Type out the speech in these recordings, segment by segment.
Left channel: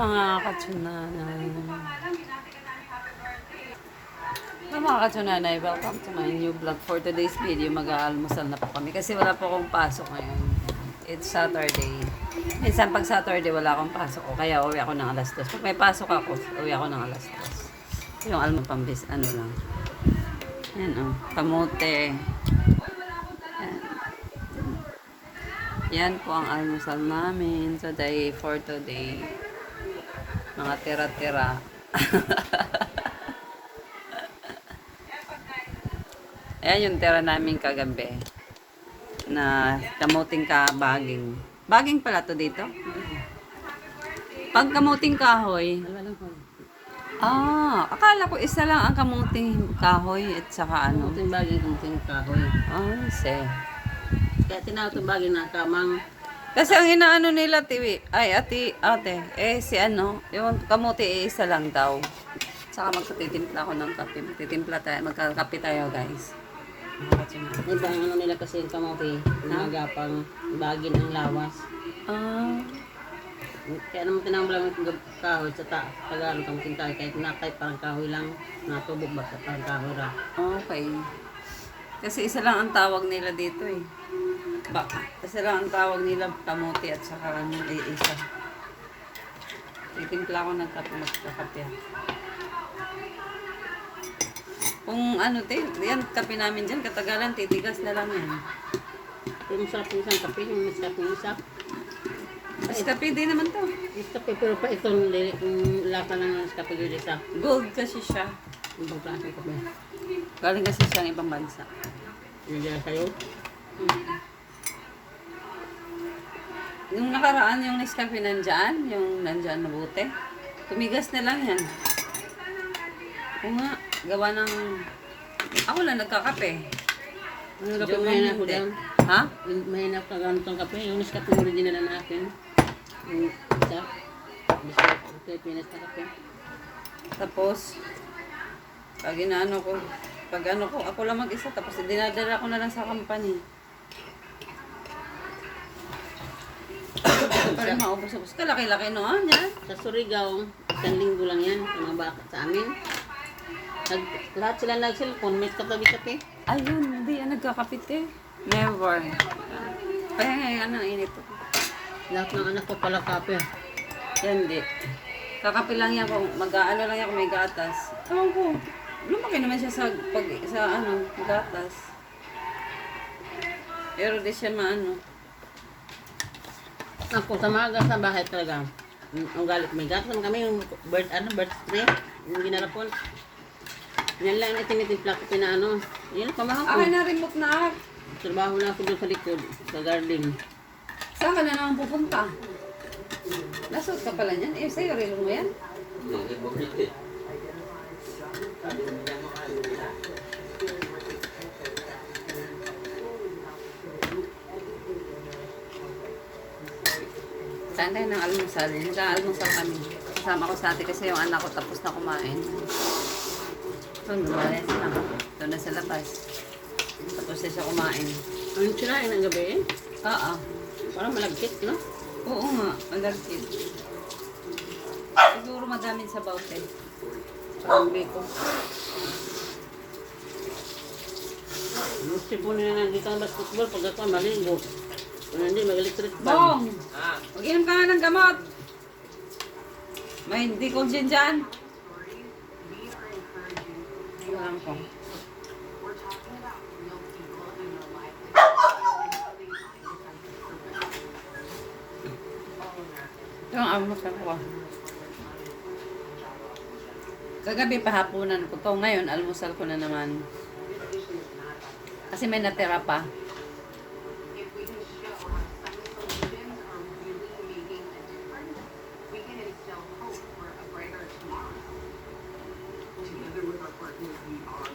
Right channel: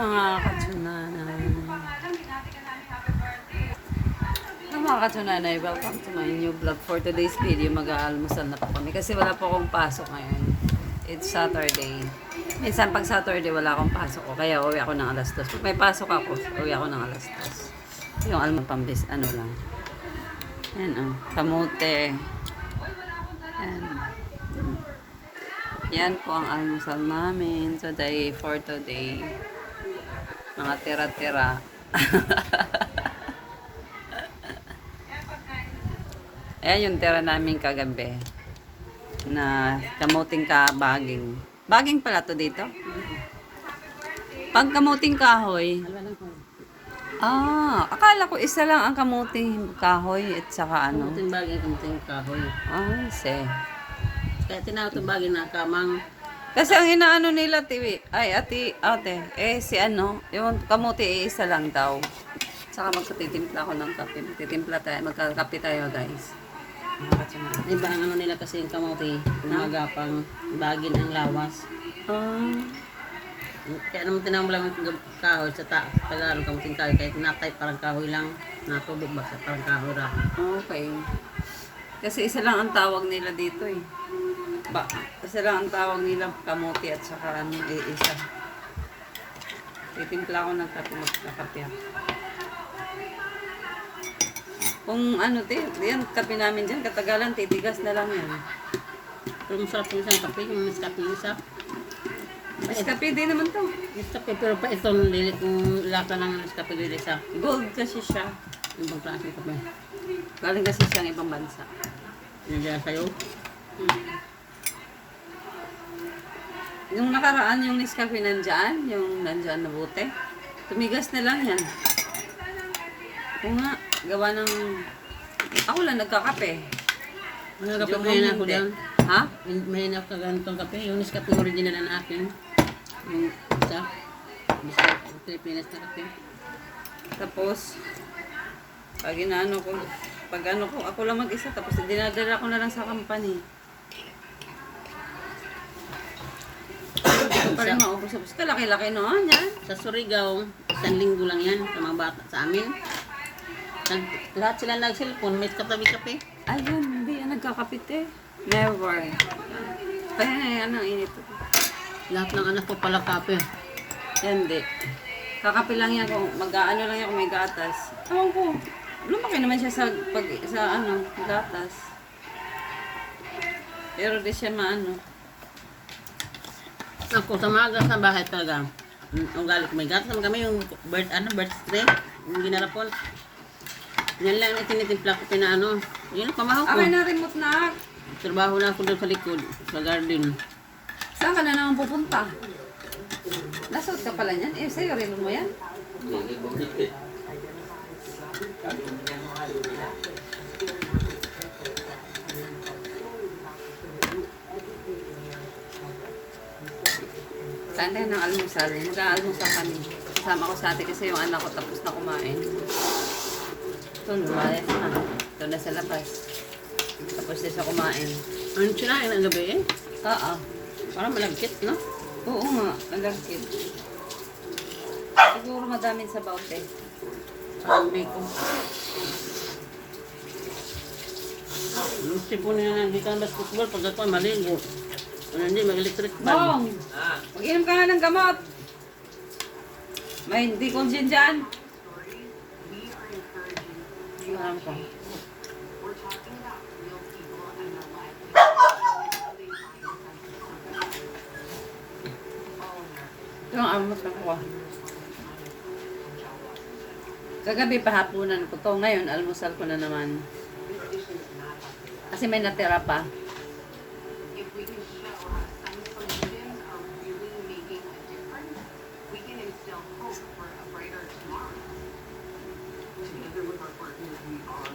mga katsunanan. Hello mga katsunanay, welcome to my new vlog. For today's video, mag-aalmusal na po kami. Kasi wala po akong pasok ngayon. It's Saturday. Minsan pag Saturday, wala akong pasok ko. Kaya uwi ako ng alas 2. Pag may pasok ako, uwi ako ng alas 2. Yung almond pambis, ano lang. Yan oh, kamote. Yan. Yan po ang almusal namin today for today. Mga tira-tira. Ayan yung tira namin kagabi. Na kamuting ka baging. Baging pala to dito? Pag kamuting kahoy, ah, akala ko isa lang ang kamuting kahoy at saka ano. Kamuting bagay, kamuting kahoy. Ay, se. Kaya tinawag itong bagay na kamang Kasi ang inaano nila, tiwi, ay, ati, ate, eh, si ano, yung kamuti, eh, isa lang daw. Saka magkatitimpla ako ng kape. Magtitimpla tayo, magkakape tayo, guys. Hindi parang ano nila kasi yung kamote, umaga pang bagay ng lawas. Ah, Kaya naman tinawag lang yung kahoy sa ta Tagalog kamuting kahoy. Kahit na kahit parang kahoy lang, natubog ba sa parang kahoy ra. okay. Kasi isa lang ang tawag nila dito, eh. Ba, isa lang ang tawag nila, kamuti at saka ano, eh, isa. Titimpla ako ng kape, magkakape. Kung ano, te, yan, kape namin dyan, katagalan, titigas na lang yan. Yung sarap yung isang kape, yung Nescafe yung isa. Mas kape din naman to. Nescafe, pero pa itong lilik, yung lata ng Nescafe lilik sa Gold kasi siya. ibang klaseng kape. Galing kasi siyang ibang bansa. Yan dyan sa'yo. Yung nakaraan, yung Nescafe nandyan, yung nandyan na bote, tumigas na lang yan. Oo nga, gawa ng... Ako lang nagkakape. Ano kape may na ako dyan? Ha? May ka ganitong kape. Yung Nescafe original na akin. Yung isa. Pilipinas na kape. Tapos, pag inaano ko, pag ano ko, ako lang mag-isa, tapos dinadala ko na lang sa company. Pa rin maubos-ubos. Kalaki-laki no, yan. Sa Surigao, isang linggo lang yan sa mga bata sa amin. Nag, lahat sila nag-cellphone, may katabi kape. Ayun, hindi yan nagkakapit eh. Never. Kaya yan ang init ko. Lahat ng anak ko pala kape. Yan di. Kakape lang yan kung mag-ano lang yan kung may gatas. Ewan ko. Lumaki naman siya sa pag sa ano, gatas. Pero di siya maano. Ako sa mga gas na bahay talaga. Mm, Ang galit may gatas naman kami yung bird ano bird tray yung ginarapon. Yan lang na tinitimpla ko pinaano. Yun pamahaw ko. Akin na remote na. Trabaho na ako doon sa likod, sa garden. Saan ka na naman pupunta? Nasuot ka pala niyan? Eh, sa'yo, relo mo yan? Saan tayo ng almusal? Nag-aalmusal kami. Kasama ko sa ate kasi yung anak ko tapos na kumain. Ito, lumalas na. Ito na sa labas. Tapos na siya kumain. Ano sila yung gabi eh? Oo. Parang malagkit, no? Oo nga, malagkit. Siguro madaming sa baute. Parang biko. Yung tipo nila na di ka basketball pag ako maligo. Kung hindi, mag-electric fan. Bong! Mag-inom ka nga ng gamot. May hindi kong dyan dyan. Alam ko. Yung almusal ko. Kagabi pahapunan ko to. Ngayon, almusal ko na naman. Kasi may natira pa. Another woodwork worker we are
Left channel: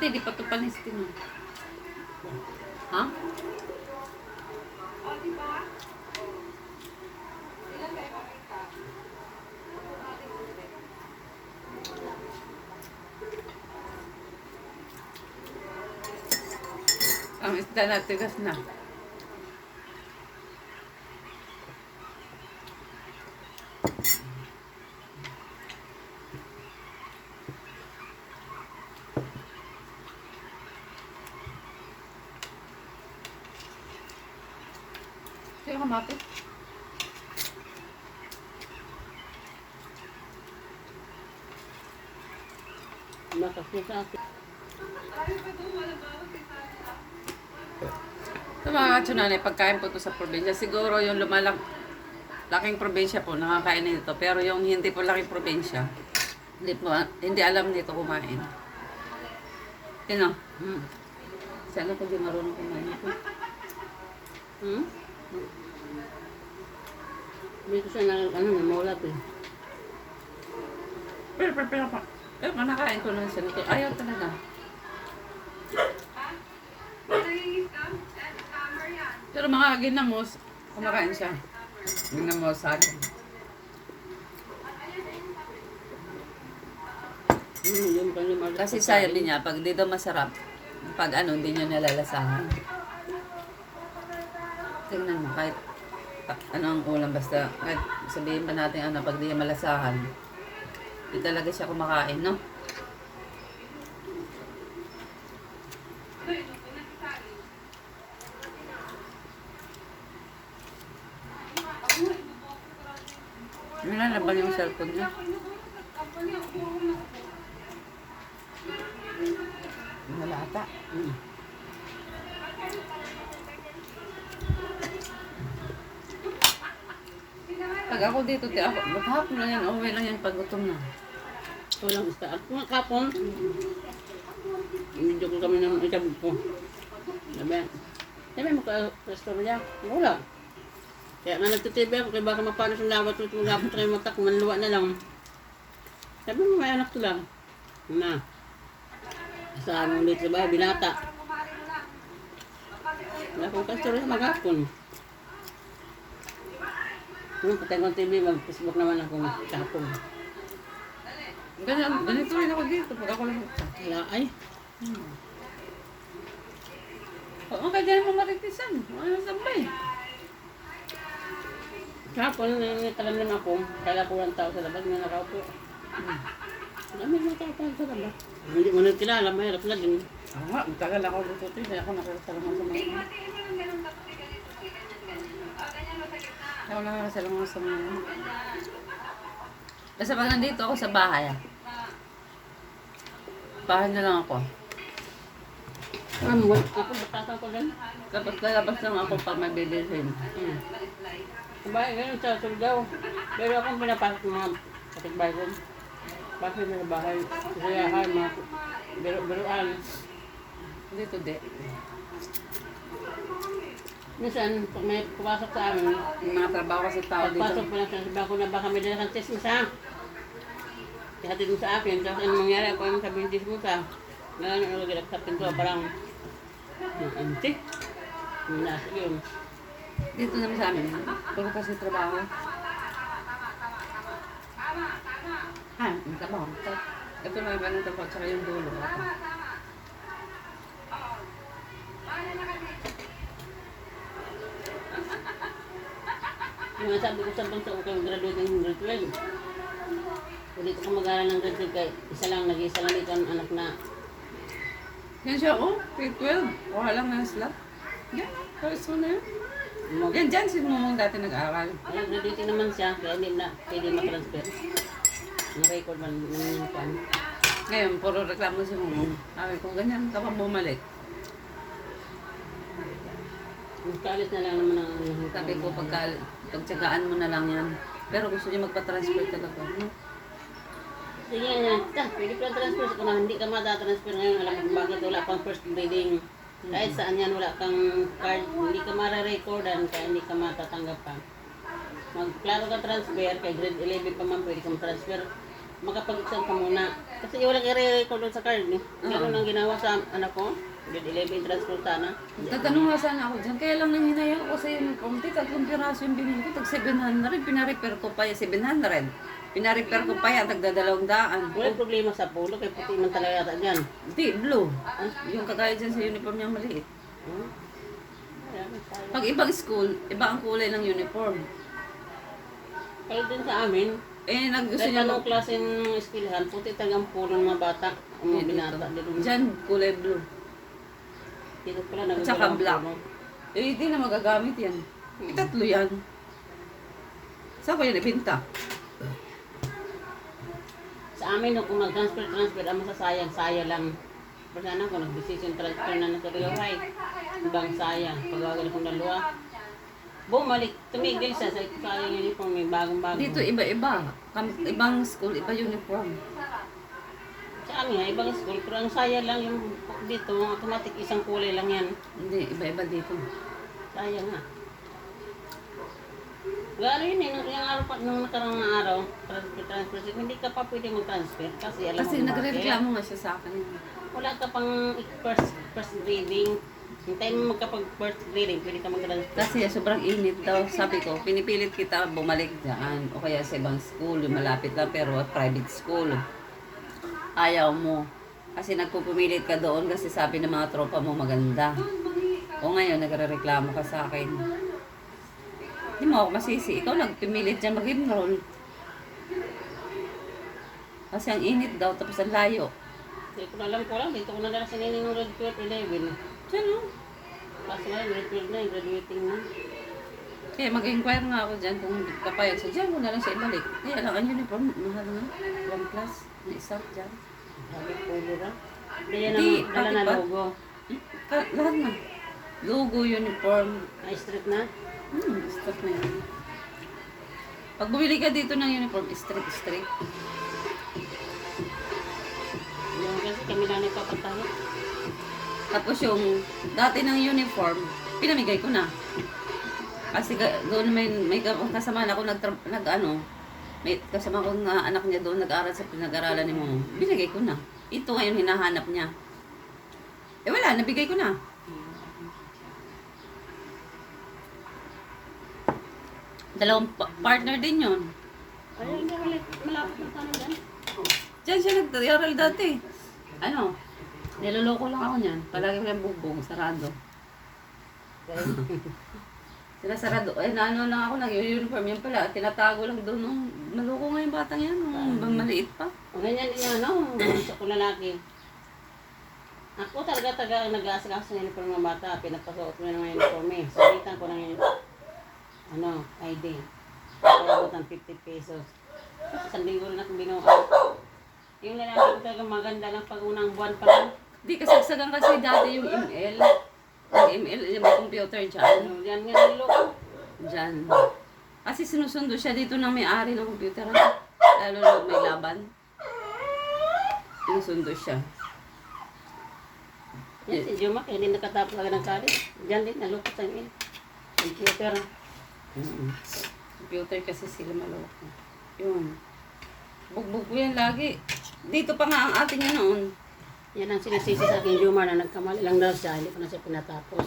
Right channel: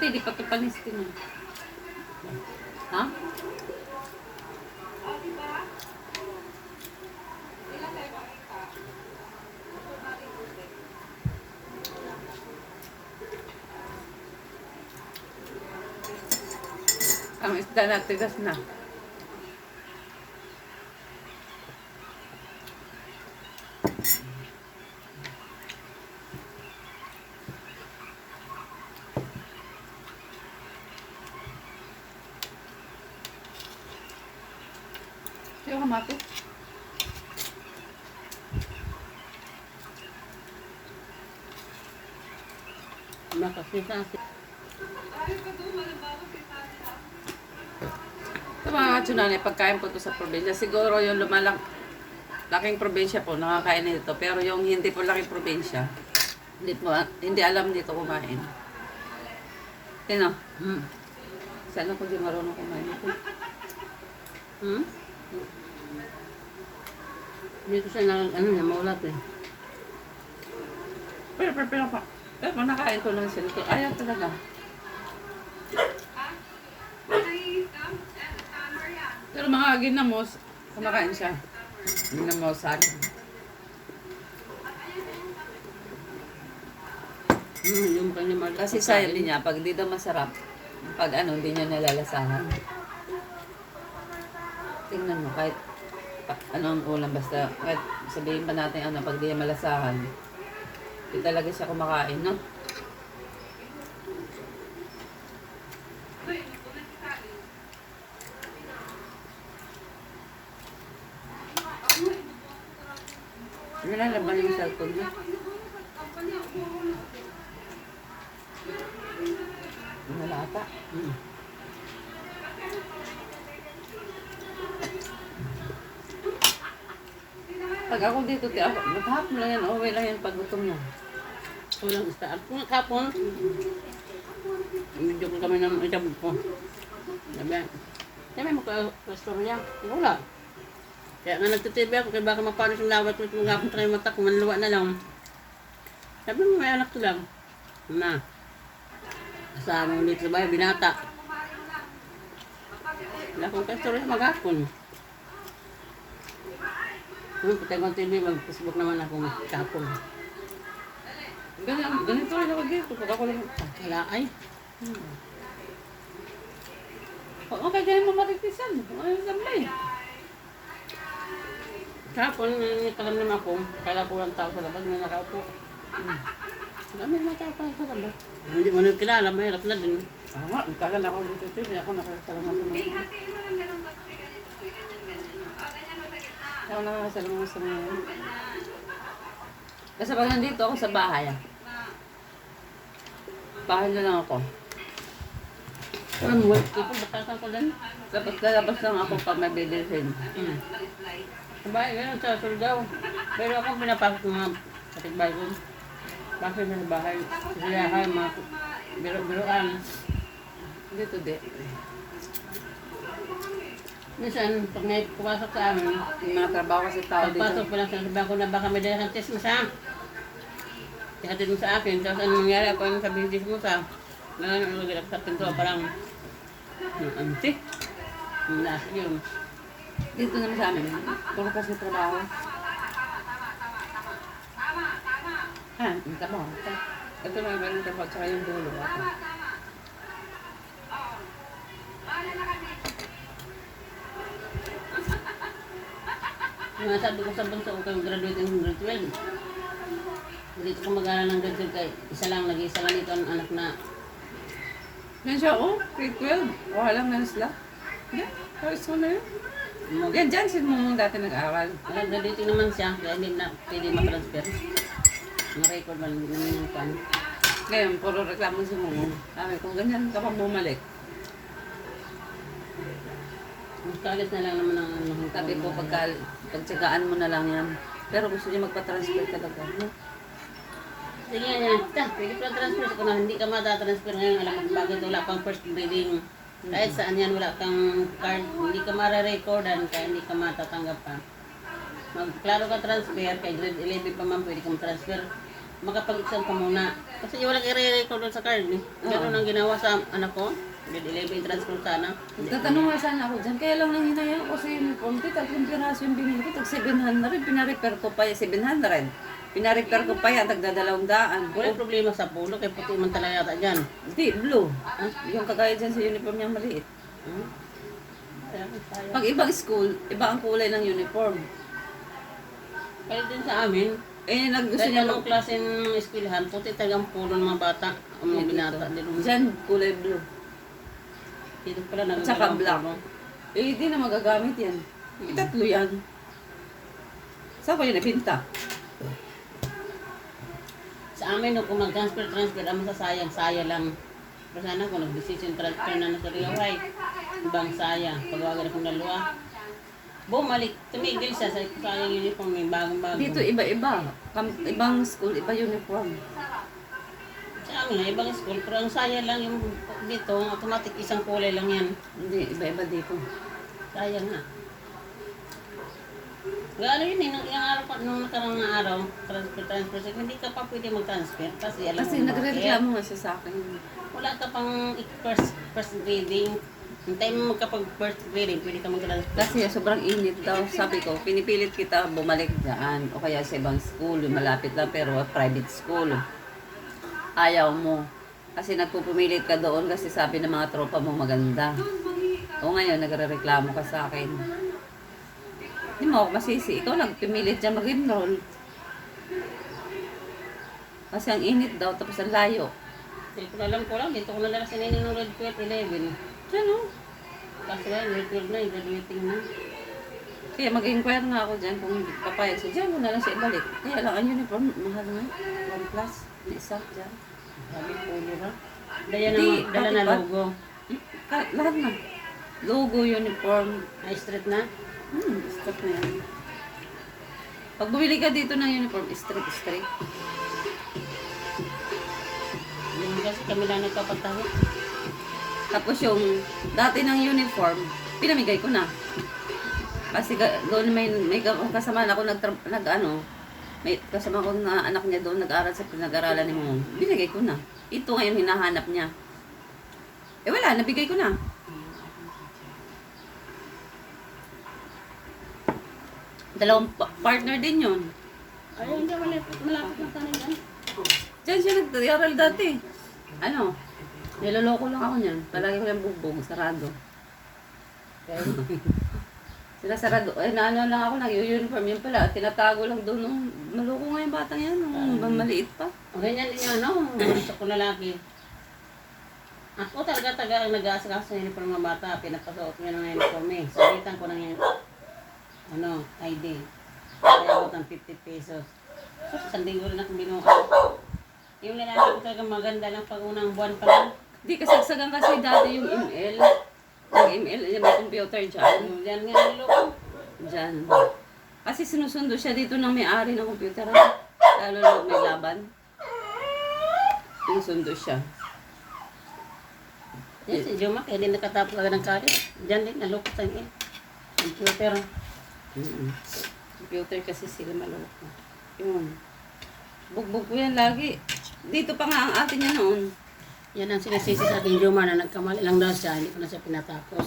Puti, di pa ito panis ko na. Ha? Ang isda na tigas na. Kaya kamato. Ito mga tsunami, pagkain po to sa probinsya. Siguro yung lumalak, laking probinsya po, nakakain nito. Pero yung hindi po laking probinsya, hindi, po, hindi alam dito kumain. Kino? Hmm. Sana ko di marunong kumain ito. Hmm? Dito siya na, ano na, maulat eh. Pero, pero, pero, pa. Pero, pa, nakain ko lang siya nito. Ayaw talaga. Pero mga ginamos, kumakain siya. Ginamos sa akin. Hmm, yung kanya mag- Kasi sayo din niya, pag di daw masarap, pag ano, hindi niya nalalasahan. Tingnan mo, kahit ano ang ulam, basta kahit sabihin pa natin ano, pag di niya malasahan, di talaga siya kumakain, no? Ano na laban yung cellphone niya? Wala ata. Hmm. Pag ako dito, ako, maghapon lang yan, uwi lang yan pag gutom na. Walang. At kung kapon, medyo ko kami ng itab ko. Sabi, sabi mo ka pastorya. Wala. Kaya nga nagtitibi ako, kaya baka mapanis yung lawat ulit mga kapon tayo mata, kung manluwa na lang. Sabi mo, may anak ko lang. Na. Saan ulit sa bahay, binata. Wala akong pastorya maghapon. Nung patay kong TV, mag-Facebook naman ako kapon. Ganito, ganito rin ako dito, pag ako lang. Wala ay. O, okay, di naman matitisan. Ano sambay? Kahapon, nangikalam naman ako, kala ko lang tao sa labas na nakaupo. Hmm. Dami na tao pa sa labas. Hindi mo na kilala, mahirap na din. Oo nga, magtagal ako dito, hindi ako nakasama sa mga. Kaya wala ka sa mga sa mga. Basta pag nandito ako sa bahay, ah. bahay na lang ako. Ano? Ako, batasan ko din. Tapos lalabas lang ako pag may bibilhin. Hmm. Sa bahay, ganun sa Surigao. Pero ako pinapasok ng mga kapitbahay ko. Bakit na sa bahay? Sisiyahan, mga biro-biroan. Dito di. Minsan, pag may pumasok sa amin, mga trabaho kasi tao pagpasok dito. pa lang sa sabihan ko na baka may dala kang test mo sa Tihatid mo sa akin, tapos ano mangyari ako yung test mo sa na ano, lagi sa pinto, parang "Hmm, ante. Na, yun. Dito naman sa amin. Trabaho. Ha, yung trabaho. Ito lang yung ganito pa, tsaka yung dulo. Nga sabi ko sa bunso ko kang graduate grade 12. Dito ko mag-aaral ng grade 12 kay isa lang, nag-isa lang dito ang anak na Yan siya, oh. Grade 12. Oh, alam na sila. Yan, high school na yun. mag- Yan, dyan, sin mo dati nag-aral. Nag-graduate naman siya, kaya hindi na pwede matransfer. Ang record man ng pan. Ngayon, puro reklamo si Mumong. Sabi ko, ganyan ka pa bumalik. Kalis na lang naman ang ano. Sabi ko, pagka, pagtsagaan mo na lang yan. Pero gusto niya magpa-transfer talaga. No? Sige nga, ta, pwede pa transfer ko na hindi ka matatransfer ngayon. Alam mo bakit wala pang first grading. Kahit saan yan wala kang card, hindi ka mara-recordan kaya hindi ka matatanggap pa. Magklaro ka transfer, kay grade 11 pa man pwede ka transfer. Makapag-exam ka muna. Kasi wala ka re-record sa card. Eh. Ganun ang ginawa sa anak ko. Grade 11 transfer sana. Tatanong nga sana ako dyan. Kaya lang nanghinayang ako sa uniform. Te, tatlong piraso yung binili ko. Tag 700. Pinarepair ko pa yan. 700. Pinarepair ko pa yan. Tagdadalawang daan. Wala problema sa pulo, kay puti man talaga yata dyan. Hindi, blue. Yung kagaya dyan sa uniform niyang maliit. Hmm? Kaya. Pag ibang school, iba ang kulay ng uniform. Kaya din sa amin, Eh, nag gusto Kahit niya anong klase ng eskwelahan, puti talagang pulo ng mga bata, ang mga binata. Dito, Dyan, kulay blue. dito pala At saka nagagalang black. pulo. Eh, hindi na magagamit yan. Eh, tatlo yan. Saan ko yan ibinta? Amin, no, kung nag-transfer-transfer, ang masasayang, saya lang. Pero sana kung nag-decision transfer na nagkagaway, ibang saya. Pagwagan akong dalawa. Bumalik, tumigil siya sa sayang uniform, may bagong-bago. Dito, iba-iba. Kam- ibang school, iba uniform. Sa amin nga, ibang school, pero ang saya lang yung dito, automatic isang kulay lang yan. Hindi, iba-iba dito. Sayang nga. Gano'n yun eh, nung yung araw pa, nung nakarang na araw, transfer, transfer, transfer, hindi ka pa pwede mag-transfer kasi alam Kasi mo nagre-reklamo nga siya sa akin. Wala ka pang first, first grading. Hintay mo magkapag first grading, pwede ka mag-transfer. Kasi sobrang init daw. Sabi ko, pinipilit kita bumalik dyan. O kaya sa ibang school, yung malapit lang pero private school. Ayaw mo. Kasi nagpupumilit ka doon kasi sabi ng mga tropa mo maganda. O ngayon, nagre-reklamo ka sa akin. Hindi mo ako masisi. Ikaw nagpimilit dyan mag-enroll. Kasi ang init daw, tapos ang layo. Hindi ko alam ko lang, dito ko nadala si Nini nung grade 12, 11. Diyan o. Kasi lang, grade 12 na, graduating na. Kaya mag-inquire nga ako dyan kung papayag siya. Diyan mo na lang siya ibalik. Kaya lang, ang uniform, mahal na. One plus. May isa dyan. Sabi ko, na. Dala na, Hindi, dala na ba? logo. Hmm, lahat na. Logo, uniform. Ay, straight na. Hmm, stop na yan. Pag bumili ka dito ng uniform, straight, straight. Yung kasi kami lang nagpapataho. Tapos yung dati ng uniform, pinamigay ko na. Kasi doon may, may ka- kasama na ako nag, nag ano, may kasama ko na anak niya doon nag-aral sa pinag-aralan ni mo. Binigay ko na. Ito ngayon hinahanap niya. Eh wala, nabigay ko na. Dalawang pa- partner din yun. Ayun, hindi, malapit, malapit na tayo dyan. Diyan siya nag-aral dati. Ano? Niloloko lang ako niyan. Palagi ko yung bugbog, sarado. Sila sarado. Eh, naano lang ako, nag-uniform yun pala. Tinatago lang doon. Nung, maloko nga yung batang yan. Nung maliit pa. O ganyan din yung ano, gusto ko lalaki. Ako talaga taga nag-aasikaso sa uniform ng bata. Pinapasuot ko yung mga uniform eh. Sabitan ko ng yun- ano, ID. Kaya ng 50 pesos. Isang libo na binuha. Yung lalaki ko talaga maganda lang pag unang buwan pa lang. Di kasagsagan kasi dati yung ML. Nag-ML, eh, may computer dyan. Yung yan nga niloko. Dyan. Kasi sinusundo siya dito ng may-ari ng computer. Lalo na may laban. Sinusundo siya. Yan si Juma, din nakatapos agad ng college. Diyan din, naloko sa iyo. Computer. Mm-mm. Computer kasi sila maloko. Yun. Bugbog ko yan lagi. Dito pa nga ang atin yun noon. Yan ang sinasisi sa ating Juma na nagkamali lang daw siya, hindi ko na siya pinatapos.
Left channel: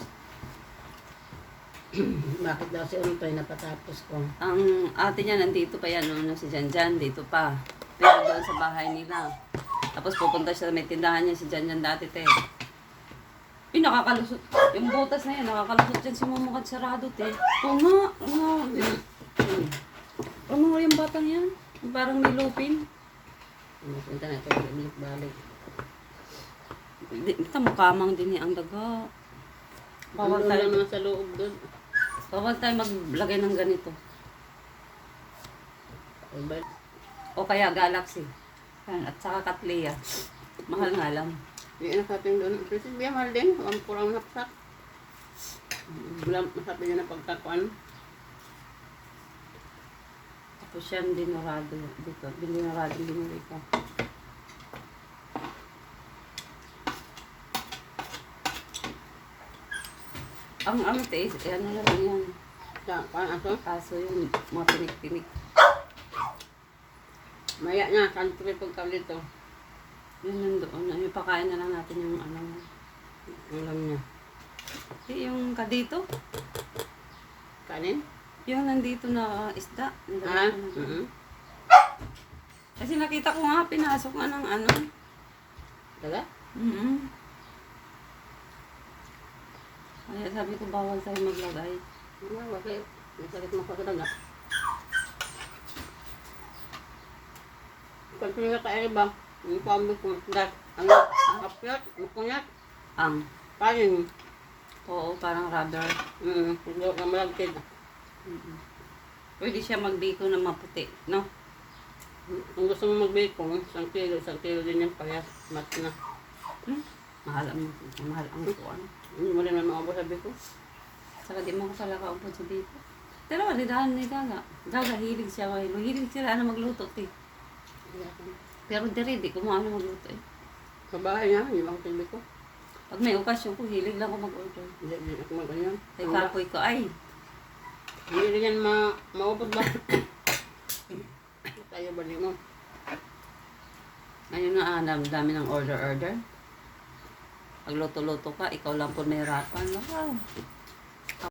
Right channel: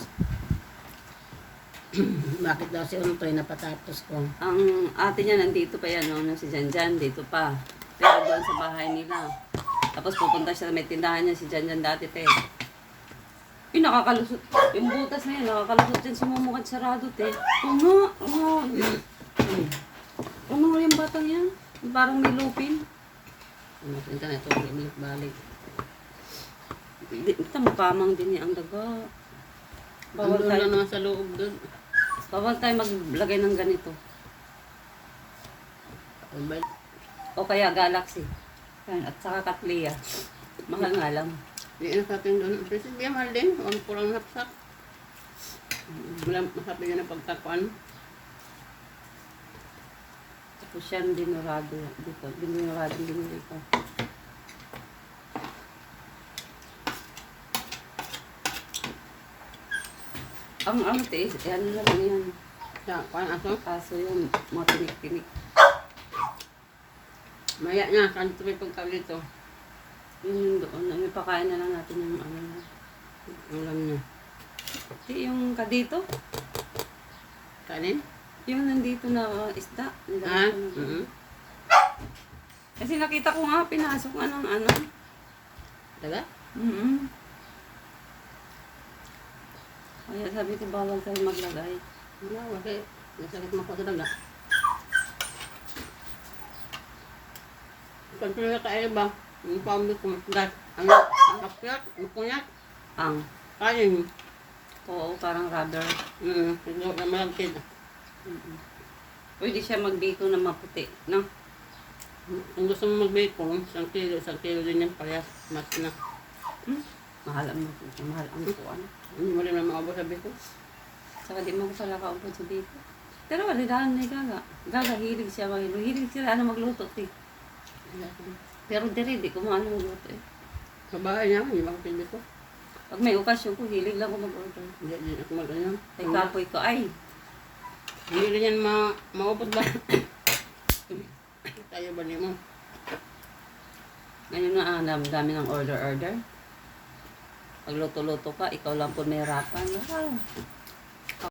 Bakit daw si Unotoy napatapos ko? Ang atin niya nandito pa yan, no? si Janjan, dito pa. Pero doon sa bahay nila. Tapos pupunta siya sa may tindahan niya, si Janjan dati, te. Yung nakakalusot, yung butas na yan, nakakalusot yan sa mumukad sarado, te. Oo nga, oo nga. Ano nga yung batang yan? Parang may lupin. Napunta na ito, balik-balik. Di, kamukamang din niya ang daga. Bawal Bawal tayo, naman sa loob doon. bawal tayo maglagay ng ganito. Iba, O kaya Galaxy. At saka Katlia. Mahal nga lang. Hindi na sa atin doon. Kasi di mahal din. Ang kurang hapsak. Wala masabi niya na pagtakuan. Tapos yan, dinurado. Dito, dinurado din dito. Ang ang taste, yan na lang yung Sa kuan aso. kaso yung mga pinik-pinik. Maya niya, may pagkaw dito. Yun yung doon. May pakain na lang natin yung ano. Alam niya. Di, Yung kadito. Kanin? Yung nandito na isda. Ganito na- Mhm. Kasi nakita ko nga, pinasok nga ng ano. Taga? Mm Kaya sabi ko, bawal tayo maglagay. Wala, wag kayo. May sakit mo pa talaga. Kanto na kaya ba? Yung pambi ko matigas. Ano? Ang kapyat? Ang kunyat? Ang, Kanin. oo, parang rubber. Mm, hindi na malagkid. Mm Pwede siya magbiko na maputi, no? Kung gusto mo mag-bacon, isang kilo, isang kilo din yung payas. Mas na. Hmm? Mahal ang, mahal ang kuwan. Hindi mo rin na maabot sa bacon. Saka di mo ko pala kaupod sa biko. Pero wala dahan ni Gaga. Gaga, hilig siya. Hilig sila ano magluto, eh. Pero diri, di ko mo ano magluto, eh. Babae niya, hindi ba ako ko? Pag may okasyon ko, hilig lang ko mag-order. Hindi, hindi ako mag-ano. Kay kapoy ko, ay, Hindi rin yan ma maubos ba? Tayo ba mo? Ngayon na, ah, dami, dami ng order-order. Pag luto-luto ka, ikaw lang po nahirapan. Ah,